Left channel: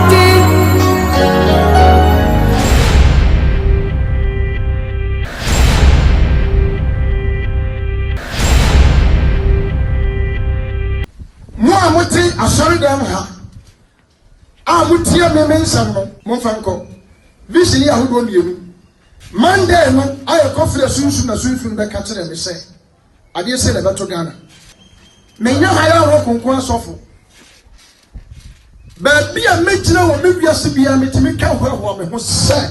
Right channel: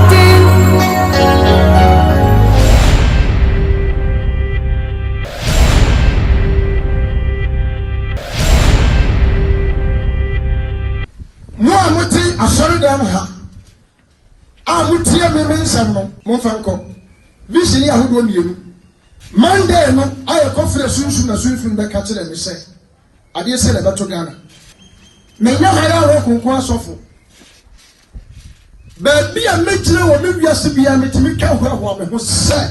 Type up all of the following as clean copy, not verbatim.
Martin. Moi, Moti, a sorry down her. I would hear me mention Monfanco. Visually, I would want you. Monday, I have confidence soon as soon from the catcher and say, I did say about Ghana. May not have a rock on sofa. But be a major or maybe a CBM to make out what woman was said.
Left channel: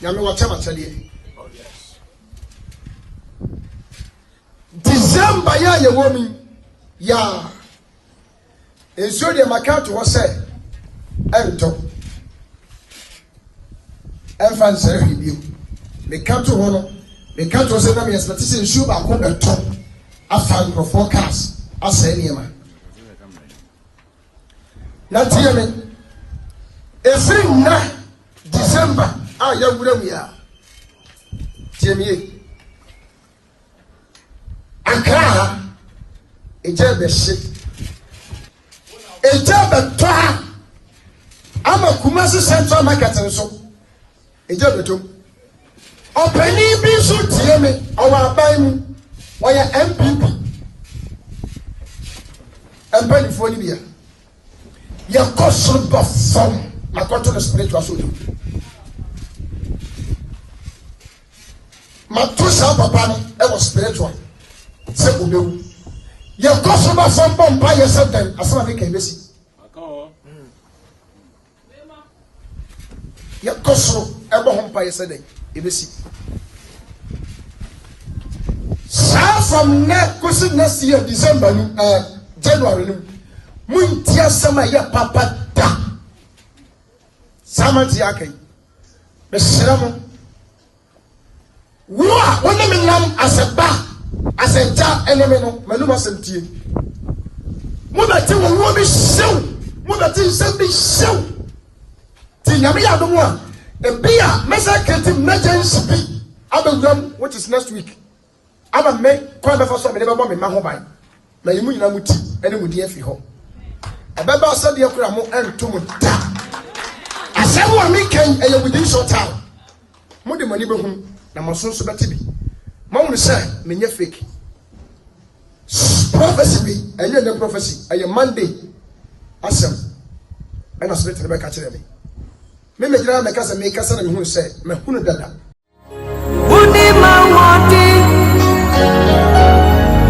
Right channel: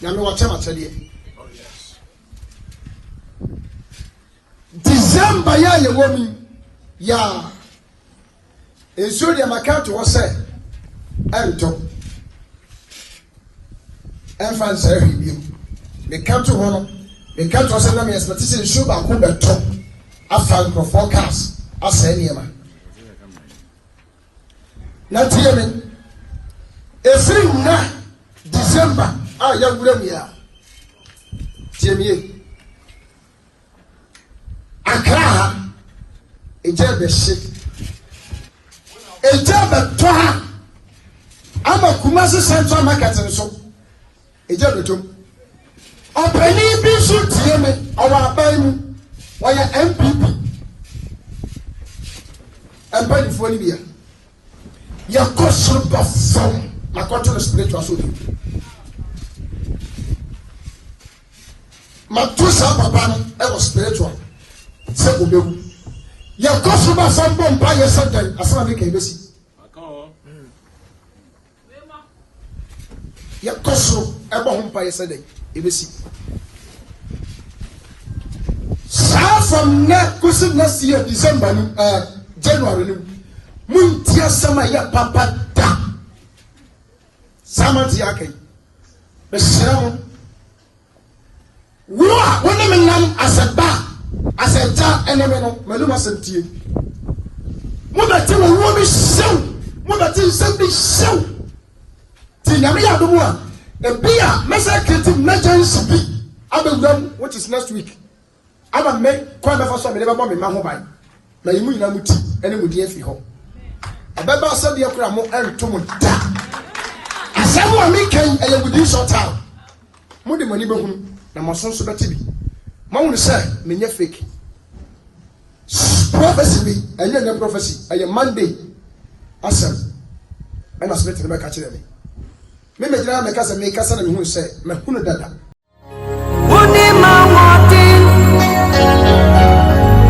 You know what I'm telling you. December, ya woman, ya. And so the account was said, and talk. And fancy review. The country one, the country was a name, but this is sure about the top. After the forecast, I said, Yama. Now, tell me, every night, December, I am with me. Tell me, Accra, a job is sick. A job at Toha. I'm a Kumasi Central Market and so. A job at home. A penny be so tell me, our buying. Why MPP? And by the phone here. Your caution but some my control spiritual soul. My two son papa was spiritual. Simple baby. Your caution but some bomb by yourself then as soon as they can see. Your caution ever home by yourself then you see. From next year, December, January, Muntia Sama ya Papa da Samantiake. Messiamo. When I'm nam as a bar, as a jar, and Maluma Sentie. Mother will be show. Mother Tim be show. Tinamia the one. The beer, massacred emergency be. I don't know what is next week. I'm a make quite for some never bomb in my home. Now you mean I'm with any with the FE home. A baby said the Okramo and to da. As I make and within short time. Moody money boom, and my son's about to be. Mom will say, me fake. Prophecy, and you're the prophecy, and your Monday. Awesome. And I spent the back at me. Maybe I make us a make us and who say, Mahuna Dada. Martin.